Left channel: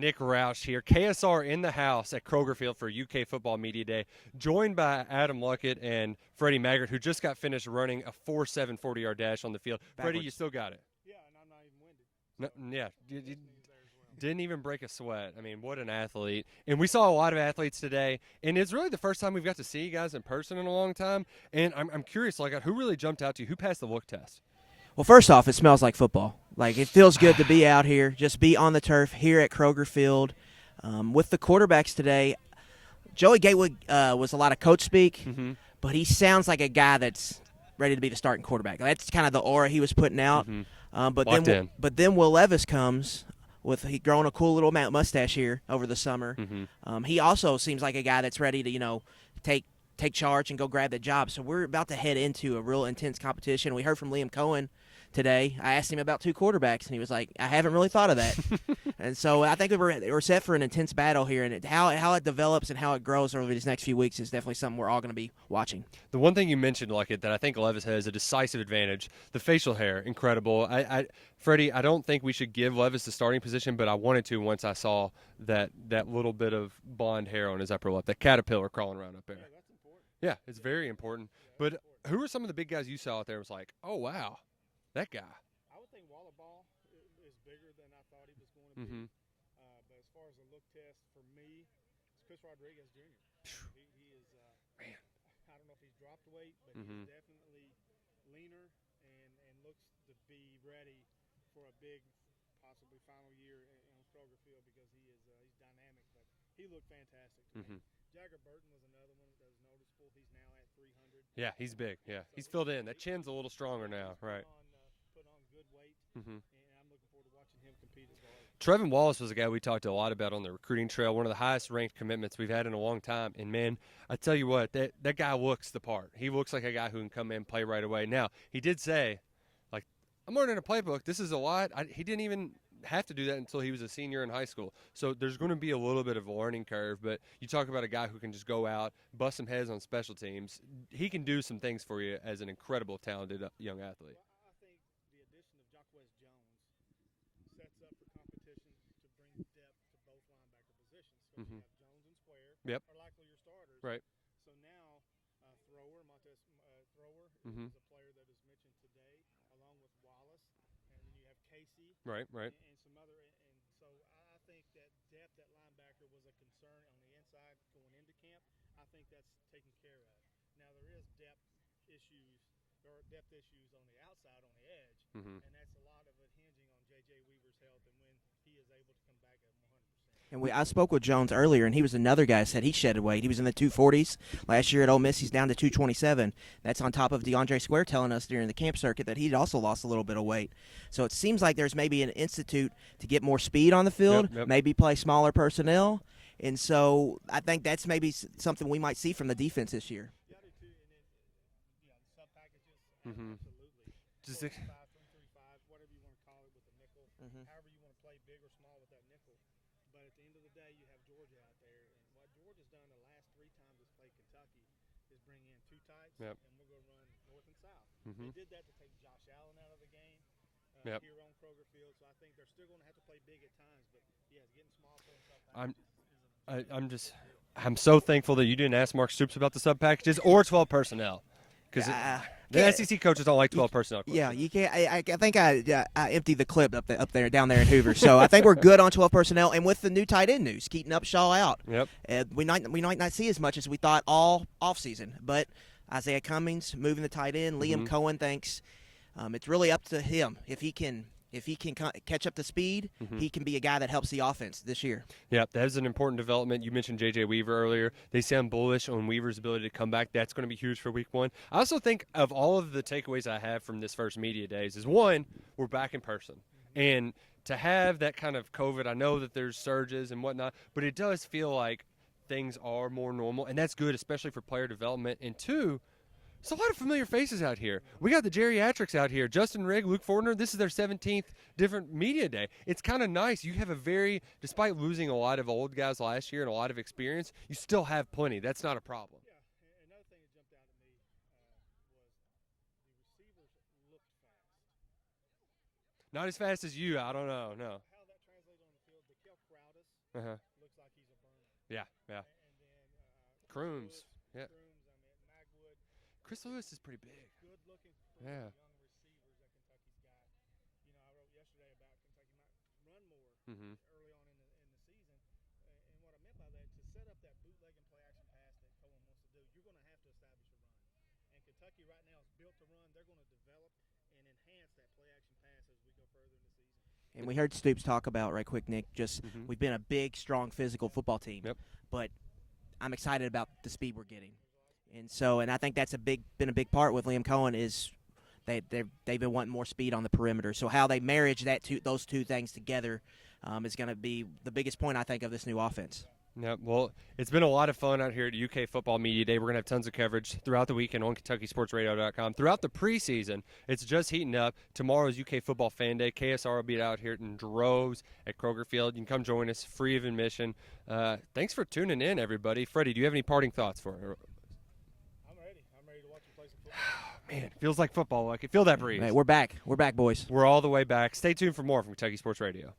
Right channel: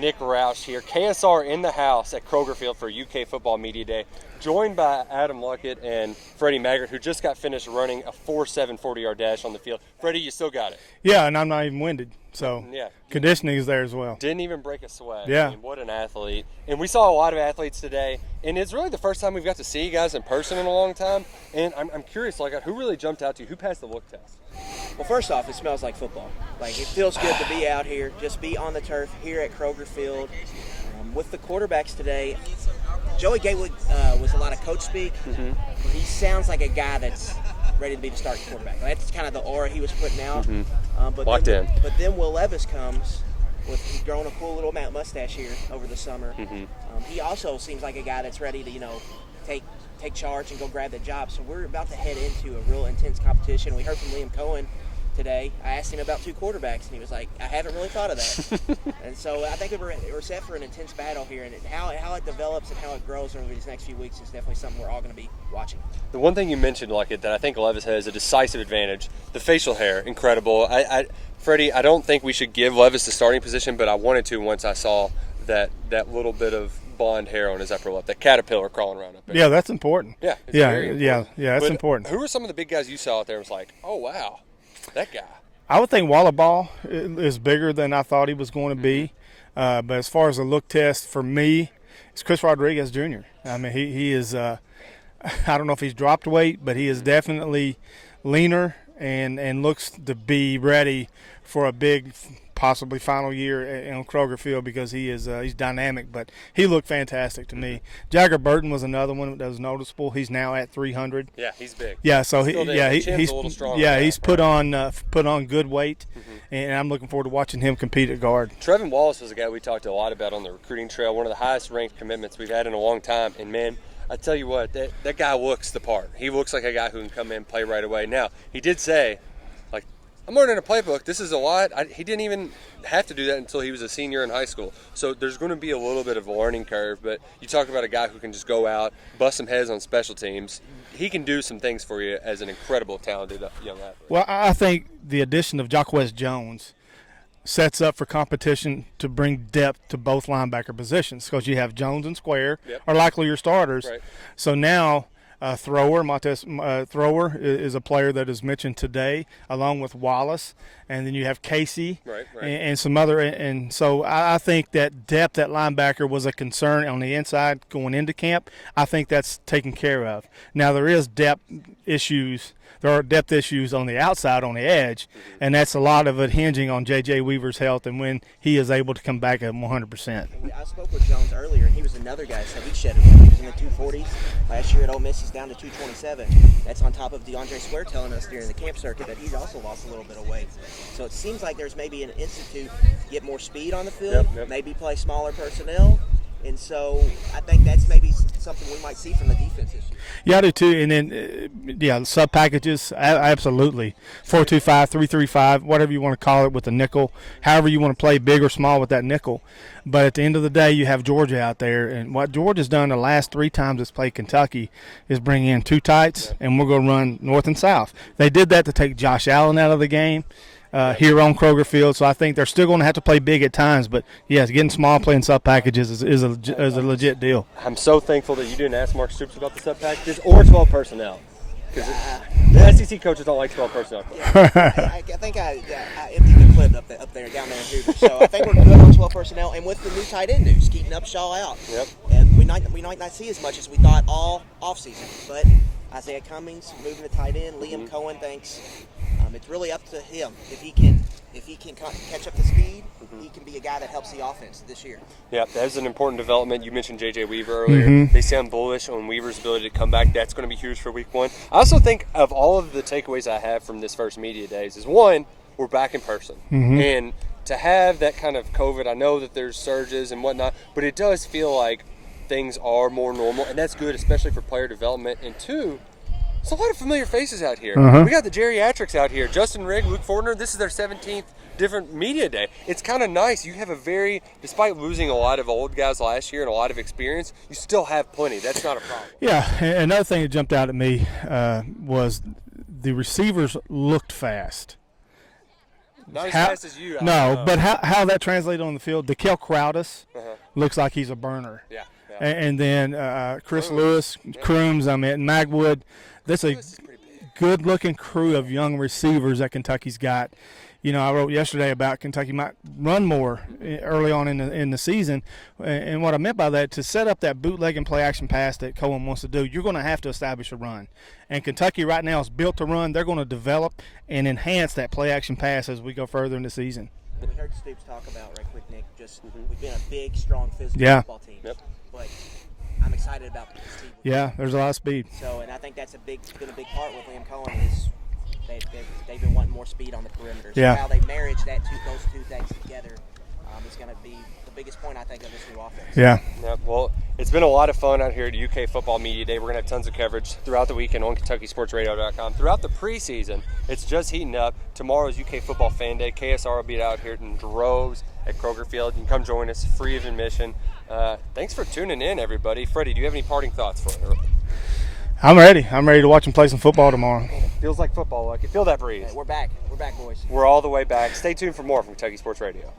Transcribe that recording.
Nick Roush here. KSR in the house at Kroger Field for UK Football Media Day, joined by Adam Luckett and Freddie Maggard, who just got finished running a 4.7 40-yard dash on the field. Freddie, you still got it. Yeah, and I'm not even winded, so conditioning is there as well. Didn't even break a sweat. Yeah. I mean, what an athlete. And we saw a lot of athletes today, and it's really the first time we've got to see you guys in person in a long time. And I'm curious, who really jumped out to you? Who passed the look test? Well, first off, it smells like football. It feels good to be out here, just be on the turf here at Kroger Field. With the quarterbacks today, Joey Gatewood was a lot of coach speak, but he sounds like a guy that's ready to be the starting quarterback. That's kind of the aura he was putting out. But then Will Levis comes he's growing a cool little mustache here over the summer. He also seems like a guy that's ready to, take charge and go grab the job. So we're about to head into a real intense competition. We heard from Liam Cohen today. I asked him about two quarterbacks, and he was like, I haven't really thought of that. And so I think we're set for an intense battle here, and how it develops and how it grows over these next few weeks is definitely something we're all going to be watching. The one thing you mentioned, Luckett, that I think Levis has a decisive advantage, the facial hair, incredible. Freddie, I don't think we should give Levis the starting position, but I wanted to once I saw that little bit of blonde hair on his upper lip, that caterpillar crawling around up there. Yeah, that's important. Yeah, it's very important. That's important. Who were some of the big guys you saw out there? It was like, oh wow, that guy. I would think Wallaball is bigger than I thought he was going to be. But as far as a look test for me, it's Chris Rodriguez Jr. I mean, he is. I don't know if he's dropped weight, but he is definitely leaner and looks to be ready for a big, possibly final year on Kroger Field because he's dynamic, but he looked fantastic to me. Jagger Burton was another one that was noticeable. He's now at 300. Yeah, he's big. Yeah, so he's a little stronger. Yeah, he's put on good weight, and I'm looking forward to watching him compete at guard. Trevin Wallace was a guy we talked a lot about on the recruiting trail, one of the highest ranked commitments we've had in a long time, and man, I tell you what, that guy looks the part. He looks like a guy who can come in and play right away. Now, he did say, I'm learning a playbook. This is a lot. He didn't even have to do that until he was a senior in high school. So there's going to be a little bit of a learning curve. But you talk about a guy who can just go out, bust some heads on special teams. He can do some things for you as an incredible, talented young athlete. Well, I think the addition of Jacquez Jones sets up for competition to bring depth to both linebacker positions because you have Jones and Square are likely your starters. Right. So now Montez Thrower is a player that is mentioned today, along with Wallace, and then you have Casey and some other. And so I think that depth at linebacker was a concern on the inside going into camp. I think that's taken care of. Now there is depth issues. There are depth issues on the outside, on the edge, and that's a lot of it hinging on J.J. Weaver's health and when he is able to come back at 100%. I spoke with Jones earlier, and he was another guy that said he shed weight. He was in the 240s. Last year at Ole Miss, he's down to 227. That's on top of DeAndre Swear telling us during the camp circuit that he's also lost a little bit of weight. So it seems like there's maybe an institute to get more speed on the field, maybe play smaller personnel. And so I think that's maybe something we might see from the defense this year. Yeah, I do too. And then, sub packages, absolutely. 4-2-5, 3-3-5, whatever you want to call it with the nickel, however you want to play big or small with that nickel. But at the end of the day, you have Georgia out there. And what Georgia's done the last 3 times it's played Kentucky is bring in 2 tights, and we're going to run north and south. They did that to take Josh Allen out of the game. Here on Kroger Field, so I think they're still going to have to play big at times. But yes, getting small, playing sub packages is a legit deal. I'm so thankful that you didn't ask Mark Stoops about the sub packages or 12 personnel, because the SEC coaches don't like 12 personnel. Yeah, I think I emptied the clip down there in Hoover. So I think we're good on 12 personnel, and with the new tight end news, Keaton Upshaw out. Yep. And we might not see as much as we thought all offseason, but Isaiah Cummings moving the tight end. Liam Cohen thinks. It's really up to him. If he can catch up to speed, he can be a guy that helps the offense this year. Yeah, that's an important development. You mentioned J.J. Weaver earlier. They sound bullish on Weaver's ability to come back. That's going to be huge for week 1. I also think of all of the takeaways I have from this first media days is, one, we're back in person. And to have that kind of COVID, I know that there's surges and whatnot, but it does feel like things are more normal, and that's good, especially for player development. And 2, there's a lot of familiar faces out here. We got the geriatrics out here. Justin Rigg, Luke Fortner, this is their 17th different media day. It's kind of nice. You have despite losing a lot of old guys last year and a lot of experience, you still have plenty. That's not a problem. Yeah, another thing that jumped out at me was the receivers looked fast. Not as fast as you. But how that translated on the field, DeKel Crowdus looks like he's a burner. Yeah. And then Chris Lewis, Crooms, Maggard. That's a good-looking crew of young receivers that Kentucky's got. You know, I wrote yesterday about Kentucky might run more early on in the season, and what I meant by that, to set up that bootleg and play-action pass that Cohen wants to do, you're going to have to establish a run. And Kentucky right now is built to run. They're going to develop and enhance that play-action pass as we go further in the season. And we heard Stoops talk about, right quick, Nick, we've been a big, strong, physical football team. Yep. But I'm excited about the speed we're getting. There's a lot of speed. So, and I think that's been a big part with Liam Cohen is they've been wanting more speed on the perimeter. So how they marriage those two things together is going to be the biggest point, I think, of this new offense. Yeah. Well, it's been a lot of fun out here at UK Football Media Day. We're going to have tons of coverage throughout the weekend on KentuckySportsRadio.com. Throughout the preseason, it's just heating up. Tomorrow's UK Football Fan Day. KSR will be out here in droves at Kroger Field. You can come join us, free of admission. Thanks for tuning in, everybody. Freddie, do you have any parting thoughts for her? I'm ready. I'm ready to watch them play some football tomorrow. Feels like football. I can feel that breeze. Hey, we're back. We're back, boys. We're all the way back. Stay tuned for more from Kentucky Sports Radio.